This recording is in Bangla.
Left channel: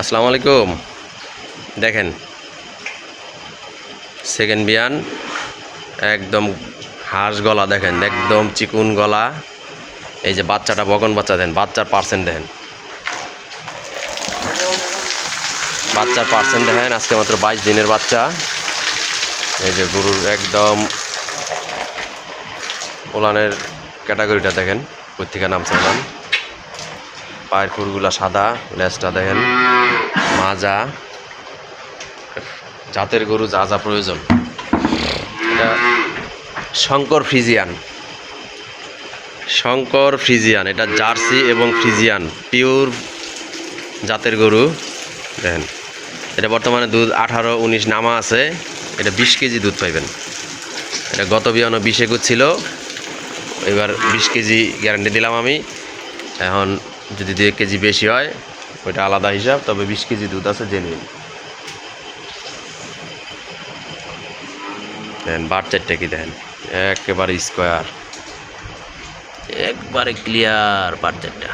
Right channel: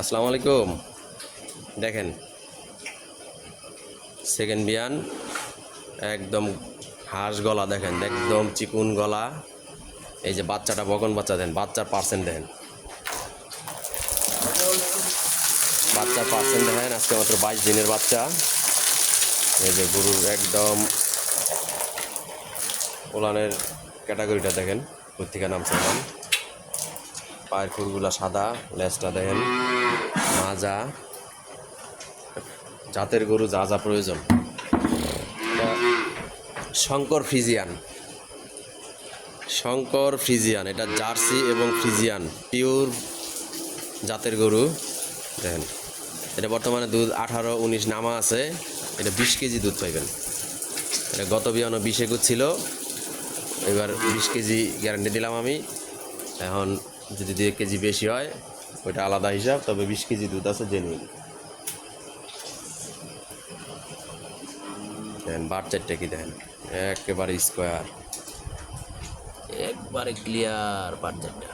আসসালামু আলাইকুম। দেখেন সেকেন্ড বিয়ান একদম হাঁস গলা, দেখেন একদম চিকুন গলা। এই যে বাচ্চাটা বকন বাচ্চা, দেখেন বাচ্চার পার্সেন্ট দেখেন, বাচ্চার পার্সেন্ট দেখেন। আজকে মাত্র 22 দিনের বাচ্চা। এই যে গরুর একদম ওলানের ক্যাটাগরিটা দেখেন, কোথেকে নামছে ওলান। পায়ের খুরগুলা সাদা, লেজটা দেখেন মাজা। জাতের গরু যা যা প্রয়োজন। এটা শঙ্কর ফ্রিজিয়ান, শঙ্কর ফ্রিজিয়ান, এটা জার্সি এবং ফ্রিজিয়ান পিওর জাতের গরু। দেখেন এটা বর্তমানে দুধ 18-19 নামা আছে। এটা 20 কেজি দুধ পাইবেন। এটা গত বিয়ানো 20 একুশ ছিল, এবার 20 কেজি গ্যারান্টি দিলাম আমি। এখন যদি 2 কেজি বেশি হয় ওইটা আলাদা হিসাব, তবে 20 কেজি দুধ আছে জেনুইন। দেখেন বার চারটে কি দেখেন, একেবারে স্কোয়ার, একবারে ক্লিয়ার বার চারটা।